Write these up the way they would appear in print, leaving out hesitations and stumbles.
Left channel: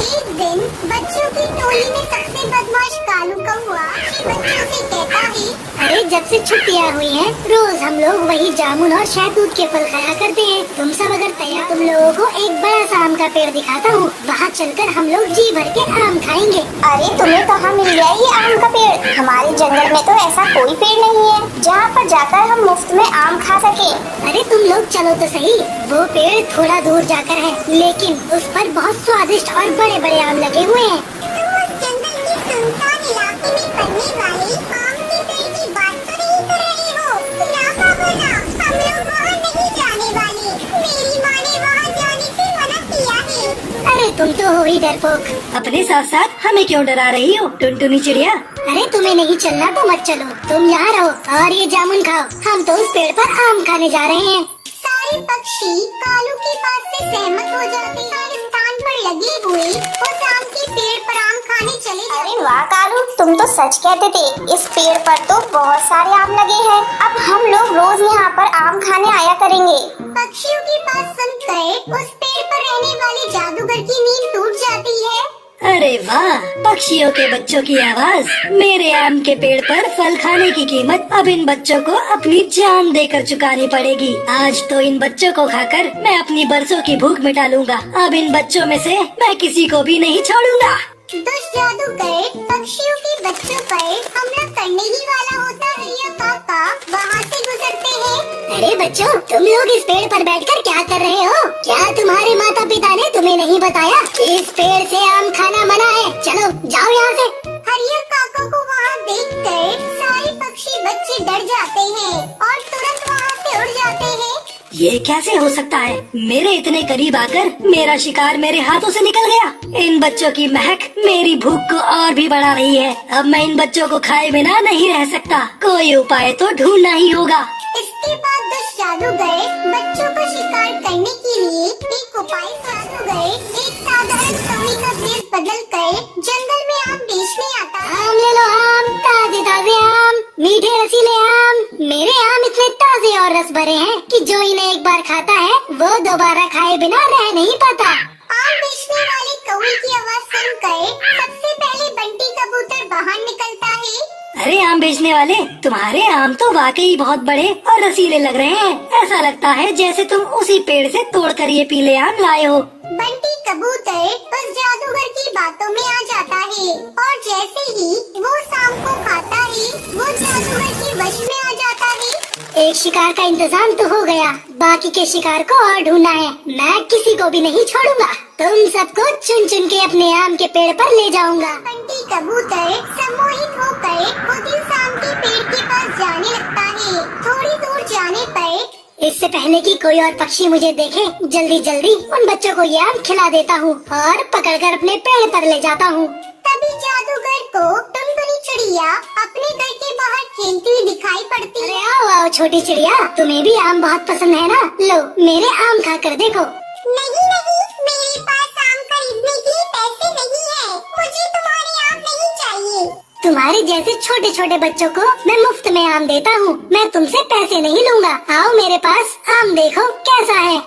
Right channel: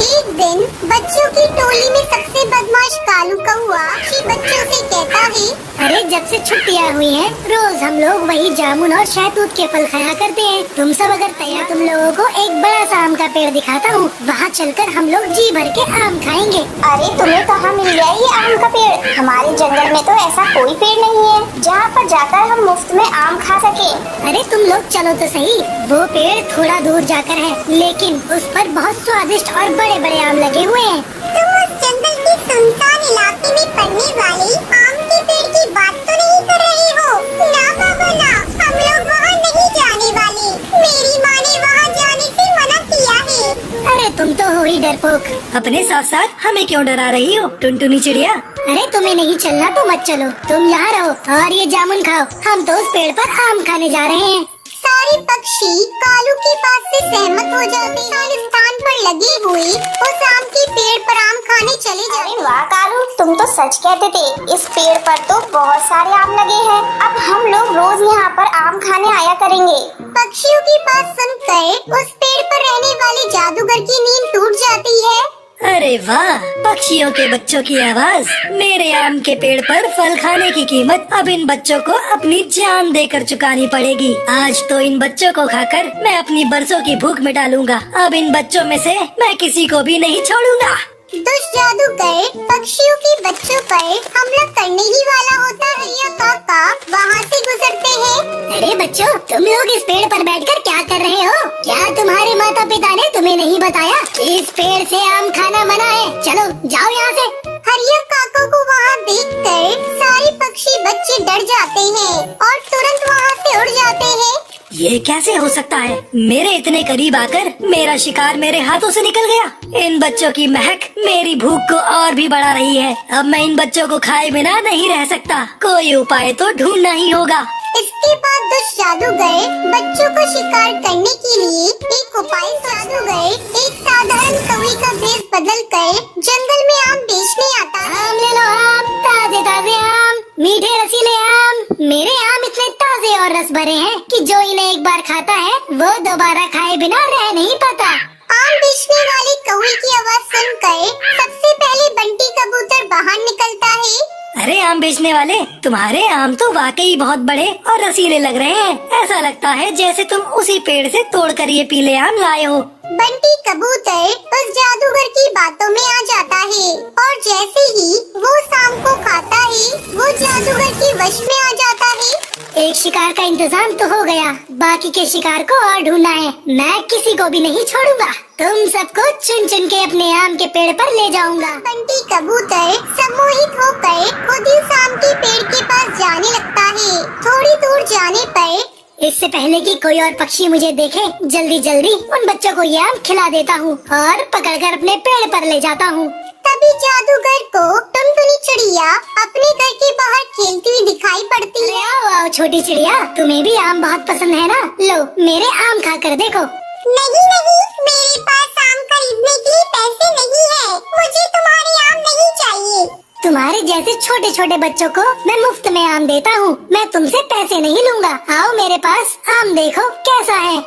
एक दिन बच्चों की टोली में सबसे बदमाश कालू कौआ बच्चों से कहता है, अरे जब से छुट्टियाँ हुई हैं, रोज हम लोग वही जामुन और शहतूत के फल खाया करते हैं। तुम सब अगर तैयार, तुम लोगों को एक बड़ा सा आम का पेड़ दिखाता हूँ, वहाँ चलकर हम लोग जी भर के आम खाएंगे। अरे तुम्हें कहाँ मिल गया ये आम का पेड़? हमारे जंगल में तो ऐसा कोई पेड़ नहीं है जहाँ पर जाकर हम मुफ्त में आम खा सके। अरे तुम लोग चलो तो सही, वो पेड़ थोड़ा दूर जाकर है, लेकिन उस पर बहुत स्वादिष्ट और बड़े बड़े आम लगे हुए हैं। तुम उस जंगल के सुनसान इलाके में पड़ने वाली आम के पेड़ की बात तो नहीं कर रहे हो? ना बाबू ना, हम लोग वहाँ नहीं जाने वाले। मेरी माँ ने वहाँ जाने से मना किया है। अरे तुम तो हो ही डरपोक, अपने साथ साथ हमें क्यों डरा रही हो टुनटुनी चिड़िया? अरे तुम्हें नहीं चलना तो मत चलो, तुम यहाँ रहो और ये जामुन खाओ। हम तो उस पेड़ पर आम खाने जा रहे हैं। सारे पक्षी कालू की बात से सहमत हो जाते हैं और स्थान पर लगे हुए उस आम के पेड़ पर आम खाने चले जाते। अरे वाह कालू, तुम तो सच कहते थे। इस पेड़ पर तो बहुत सारे आम लगे हैं। अब हम लोग रोज यहाँ पर आम खाने आया करेंगे। पक्षियों की बात सुनकर उस पेड़ पर रहने वाले जादूगर की नींद टूट जाती है। अरे वाह, पक्षियों के बच्चों की आवाज। मेरे आम के पेड़ पर फल खाने की कीमत अब इन बच्चों को अपनी जान देकर चुकानी पड़ेगी। आज तो इन बच्चों को खाकर मैं अपनी बरसों की भूख मिटा लूंगा। अब इन बच्चों में से मैं किसी को भी नहीं छोड़ूंगा। दुष्ट जादूगर पक्षियों के बच्चों पर हमला करने ही वाला होता है या काका वहाँ से गुजरते हैं। अरे बच्चों, तुम लोग इस पेड़ पर बैठकर क्या कर रहे हो? क्या तुम्हारे माता पिता ने तुम्हें नहीं बताया इस पेड़ से आम खाना मना है? चलो जाओ यहाँ से। हरियर काका को वहाँ देखकर सारे पक्षी बच्चे डर जाते हैं और तुरंत वहाँ से उड़ जाते हैं। ये कैसे हो सकता है? मेरे इतने करीब आकर मेरा शिकार मेरे हाथों से निकल गया। इन बच्चों की महक मेरी भूख को और भी बढ़ा रही है। अब मैं इन बच्चों को खाए बिना नहीं रह सकता। कोई उपाय तो ढूंढना ही होगा। इसके बाद दुष्ट जादूगर बच्चों को शिकार करने के लिए एक उपाय जादूगर एक साधारण कवि का भेष बदल कर जंगल में आम बेचने आता है। आम ले लो आम, ताजे ताजे आम, मीठे रसीले आम। मेरे आम इतने ताजे और रस भरे हैं कि जो इन्हें एक बार खाता है वो दोबारा खाए बिना रह नहीं पाता। आम बेचने वाले कौवे की आवाज सुनकर सबसे पहले बंटी कबूतर बाहर निकलता है। अरे आम बेचने वाले, तुम्हारे आम तो वाकई बहुत बड़े और रसीले लग रहे हैं। ऐसा लगता है जैसे तुम उसी पेड़ से तोड़कर ये पीले आम लाए हो। बंटी कबूतर उस जादूगर की बातों में आ जाता है और जैसे ही वो शाम को खाता है वो जादूगर के वश में आ जाता है। एक शिकार का इंतजाम तो हो गया, बाकी के शिकार को और ढूंढना है। मैं किसी को भी नहीं छोड़ूंगा। तुम सबको चुन चुन के अपने आम के पेड़ पर ले जाऊंगा। बंटी कबूतर सम्मोहित होकर खुद ही आम के पेड़ के पास जाने लगता है। थोड़ी दूर जाने पर इससे पहले कि कोई और पक्षी मुझे देखे, जल्दी जल्दी उन बच्चों को ये आम खिला देता हूँ और पकड़कर अपने पेड़ पर ले जाता हूँ। तभी जादूगर को टुनटुनी चिड़िया अपने घर के बाहर खेलती हुई दिखाई पड़ती है। आओ छोटी चिड़िया, तुम्हें भी आम बहुत पसंद है ना? लो मेरे आम खा कर देखो। नहीं नहीं, मेरे पास आम खरीदने के लिए पैसे नहीं है। मुझे तुम्हारे आम नहीं चाहिए। तुम्हारे जैसे छोटे छोटे बच्चों को मैं मुफ्त में आम देता हूँ, मैं तुमसे पैसे नहीं लूंगा। आओ मेरे पास, आम देखो कैसा है।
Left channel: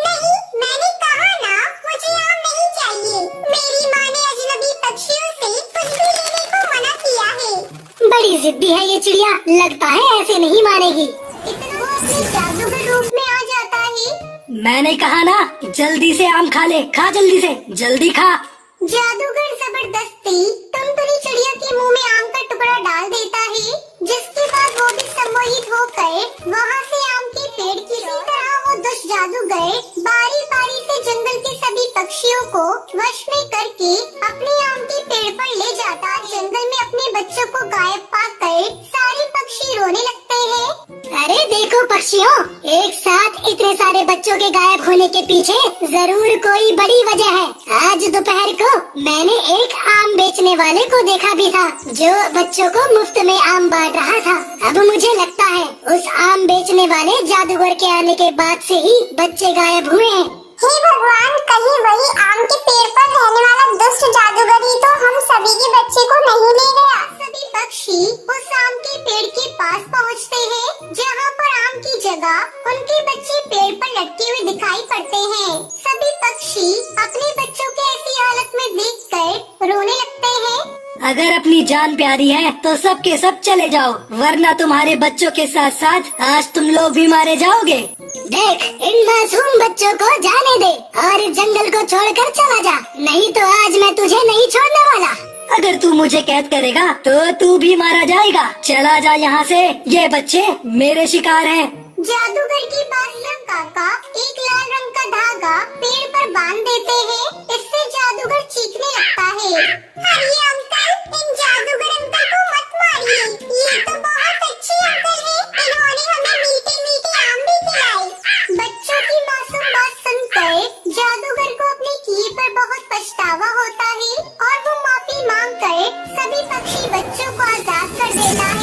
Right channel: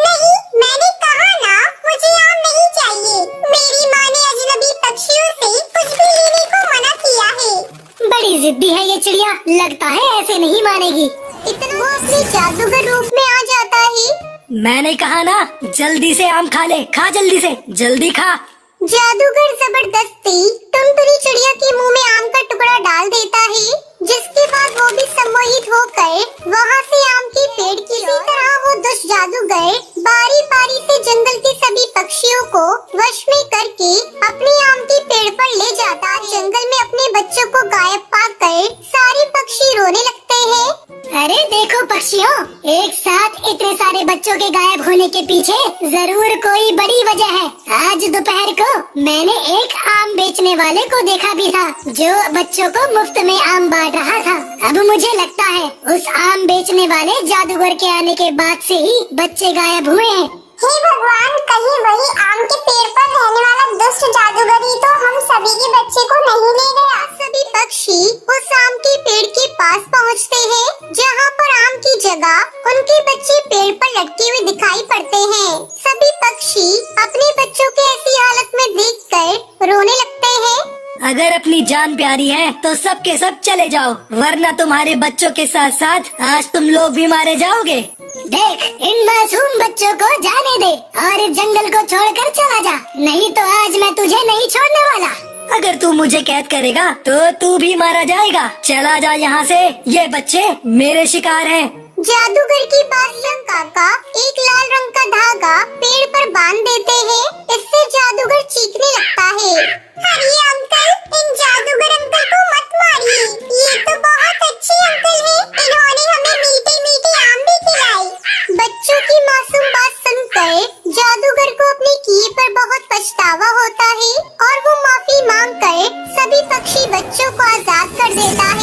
नहीं, मैंने कहा ना, मुझे आम नहीं चाहिए। मेरी माँ ने अजनबी पक्षियों से कुछ भी लेने को मना किया है। बड़ी जिद्दी है ये चिड़िया, लगता है ऐसे नहीं मानेगी। इतना वो अपने जादूगर रूप में आ जाता है। मैंने कहा ना, जल्दी से आम खा ले, खा जल्दी से, जल्दी खा। जादूगर जबरदस्ती टुनटुनी चिड़िया के मुंह में आम का टुकड़ा डाल देता है, जिसके बाद वो भी सम्मोहित होकर वहाँ से आम के पेड़ की इसी तरह वो दुष्ट जादूगर बारी बारी से जंगल के सभी पक्षियों को वश में करके अपने आम के पेड़ पर ले जाता है। जंगल में अपने बच्चों को गायब पाकर सारे पक्षी रोने लगते हैं। अरे देखो पक्षियों, एक साथ इतने सारे बच्चों के गायब होने के पीछे जरूर कोई बड़ी वजह है। आज दोपहर को मैंने एक आम बेचने वाले को देखा भी था, जो बच्चों को मुफ्त में आम बांट रहा था। अब मुझे लगता है उस आम बेचने वाले जादूगर के आने के बाद से ही बच्चे गायब हुए हैं। हे भगवान, कहीं वही आम के पेड़ पर रहने वाला दुष्ट जादूगर ही तो हम सभी के बच्चे को नहीं ले गया। सभी पक्षी उस आम के पेड़ के पास पहुँचते हैं, जहाँ पर आम की जगह उनके बच्चे पेड़ पर लटके हुए दिखाई पड़ते हैं। सभी पक्षी अपने बच्चों के ऐसी हालत में देख अगर अपनी जान प्यारी है तो सब के सब चले जाओ, वरना तुम्हारे बच्चों के साथ साथ आज तुम लोग भी मारे जाओगे। देख, इन मासूम बच्चों को जाने दे और इस जंगल को छोड़कर चला जा, नहीं तो आज मैं तुझे नहीं छोड़ने वाला। अगर तू मुझे कैद करेगा तो तू भी मारा जाएगा। चला जा यहाँ से, ये बच्चे मेरे शिकार हैं। जादूगर की बात सुन काका एक लाल रंग का धागा पेड़ पर बांध देते हैं। इससे जादूगर चीखने लगता है, अरे अंकल, इन जादूगर अंकल को मत मारिए, ये तो बहुत अच्छे अंकल हैं, इन्होंने हमें मीठे मीठे आम भी खिलाए। बच्चों की मासूम बात सुनकर जादूगर को अपने किए पर बहुत पछतावा होता है और वो माफी मांगकर सभी पक्षी बच्चों को आजाद कर देता है।